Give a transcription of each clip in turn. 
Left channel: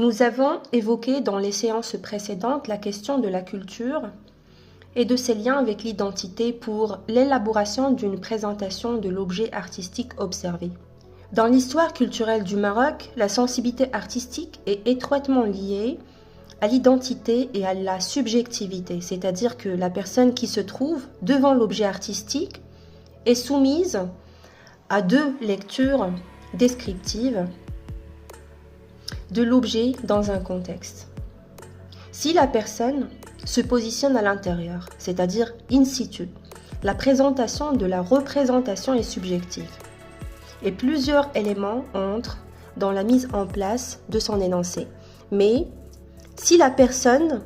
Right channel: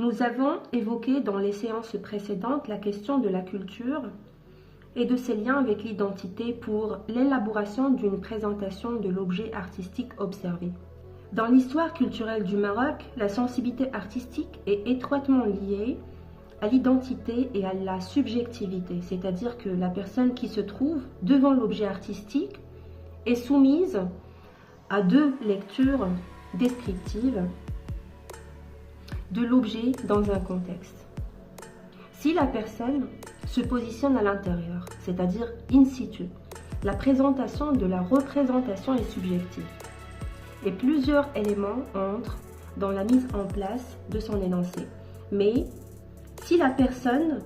Nous avons évoqué dans les séances précédentes la question de la culture et de ses liens avec l'identité pour l'élaboration d'une présentation de l'objet artistique observé. Dans l'histoire culturelle du Maroc, la sensibilité artistique est étroitement liée à l'identité et à la subjectivité, c'est-à-dire que la personne qui se trouve devant l'objet artistique est soumise à deux lectures descriptives de l'objet dans un contexte. Si la personne se positionne à l'intérieur, c'est-à-dire in situ, la présentation de la représentation est subjective et plusieurs éléments entrent dans la mise en place de son énoncé. Mais si la personne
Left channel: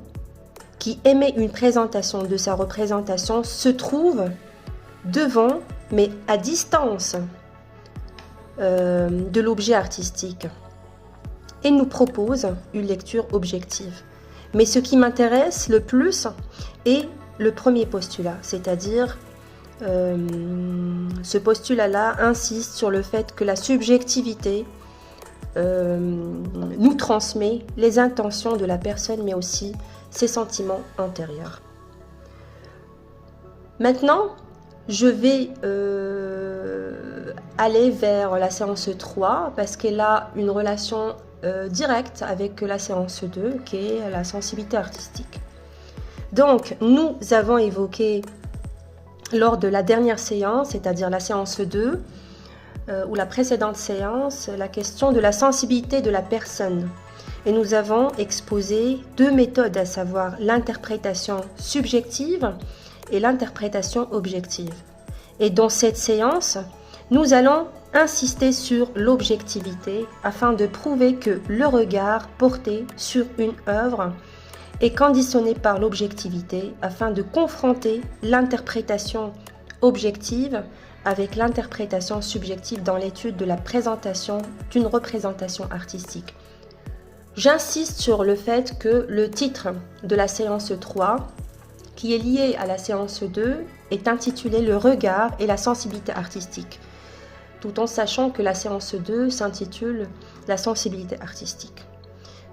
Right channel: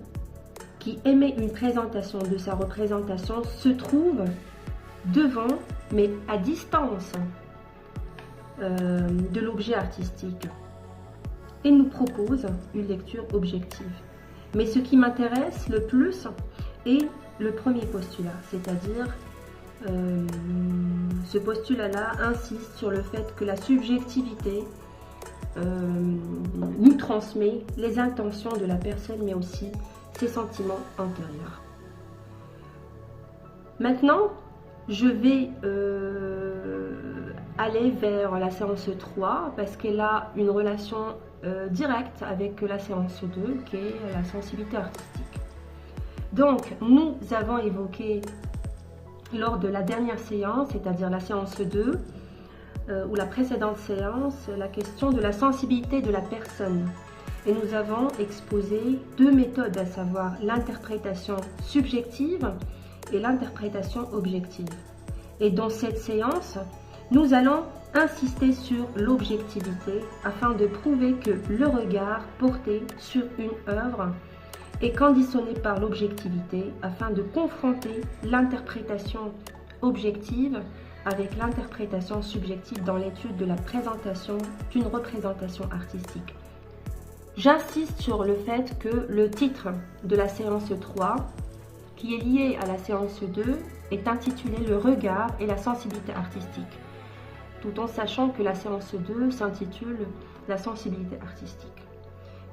qui émet une présentation de sa représentation se trouve devant, mais à distance de l'objet artistique, et nous propose une lecture objective. Mais ce qui m'intéresse le plus est le premier postulat, c'est-à-dire ce postulat-là insiste sur le fait que la subjectivité nous transmet les intentions de la personne, mais aussi ses sentiments antérieurs. Maintenant, je vais aller vers la séance 3 parce qu'elle a une relation directe avec la séance 2 qui est la sensibilité artistique. Donc, nous avons évoqué lors de la dernière séance, c'est-à-dire la séance 2, ou la précédente séance, la question de la sensibilité de la personne. Et nous avons exposé deux méthodes, à savoir l'interprétation subjective et l'interprétation objective. Et dans cette séance, nous allons insister sur l'objectivité afin de prouver que le regard porté sur une œuvre est conditionné par l'objectivité afin de confronter l'interprétation objective avec l'interprétation subjective dans l'étude de la présentation d'une représentation artistique. J'insiste sur le fait que le titre de la séance 3, qui est lié à la séance 2, est intitulé « Le regard et la sensibilité artistique », tout en sachant que la séance 2 s'intitule « La sensibilité artistique ».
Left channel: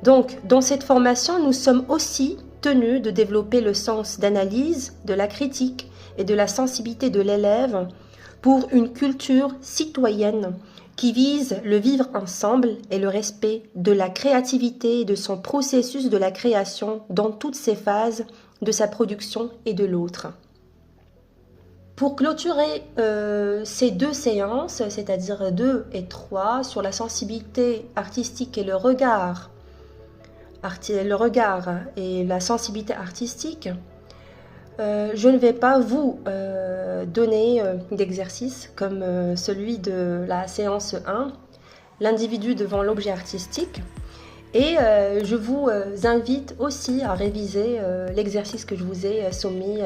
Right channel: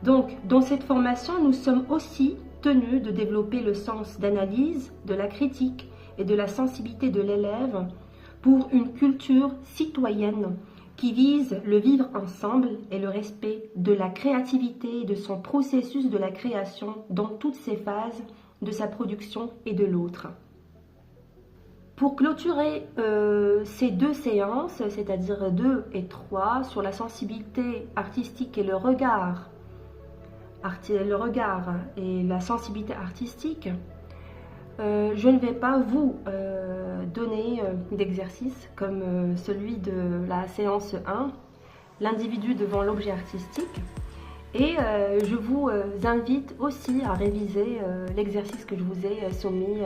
Donc, dans cette formation, nous sommes aussi tenus de développer le sens d'analyse, de la critique et de la sensibilité de l'élève pour une culture citoyenne qui vise le vivre ensemble et le respect de la créativité et de son processus de la création dans toutes ses phases de sa production et de l'autre. Pour clôturer ces deux séances, c'est-à-dire 2 et 3, sur la sensibilité artistique et le regard et la sensibilité artistique, je ne vais pas vous donner d'exercice comme celui de la séance 1, l'individu devant l'objet artistique. Et je vous invite aussi à réviser l'exercice que je vous ai soumis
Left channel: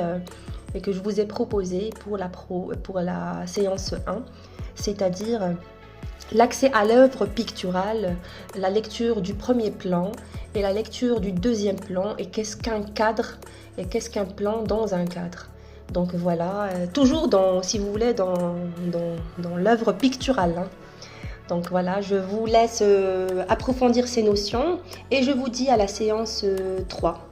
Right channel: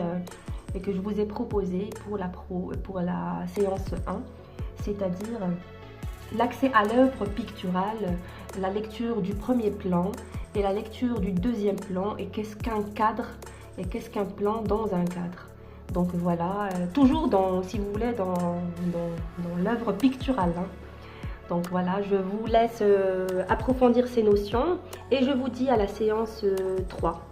et que je vous ai proposé pour la séance 1, c'est-à-dire l'accès à l'œuvre picturale, la lecture du premier plan et la lecture du deuxième plan, et qu'est-ce qu'un cadre et qu'est-ce qu'un plan dans un cadre. Donc voilà, toujours si vous voulez, dans l'œuvre picturale. Donc voilà, je vous laisse approfondir ces notions et je vous dis à la séance 3.